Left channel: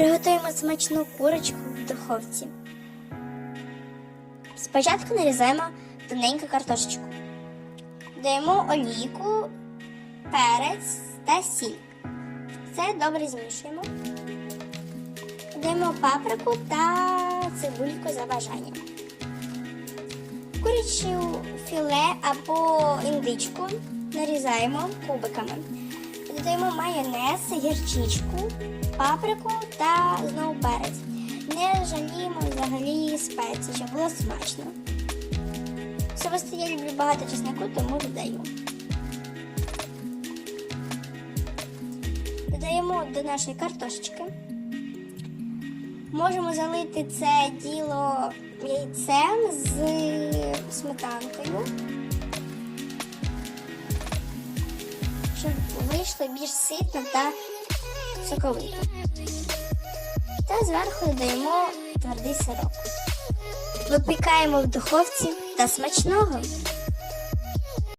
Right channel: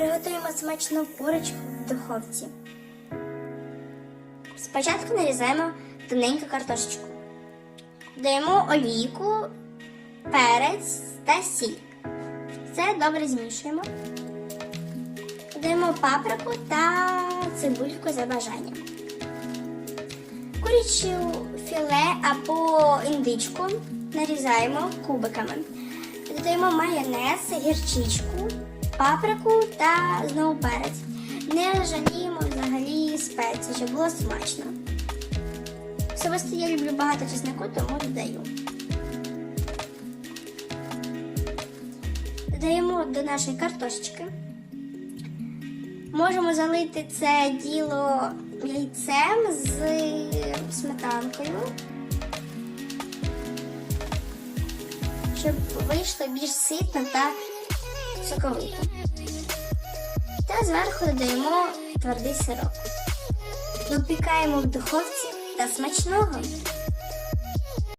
Приготуємо смачну курочку в духовці. Спочатку нарізаємо тоненьку картошечку. Даємо олійку, перець та сіль. Все добре змішуємо. Даємо паприку та цибульку за бажанням. Курячу філе або індичку нарізаємо кубиками. Додаємо майонез, гірчичку, паприку та знову перець. Не жаліємо взагалі спеції, щоб було смачно. Особисто я люблю багато чеснику, тому додаю. Додаємо до нашої картошечки. Можемо залити це діло яйцем з сметанкою, щоб вийшло більш ситно та соковито. Та зверху додаємо твердий сироп. Випікаємо в духовці та смачного.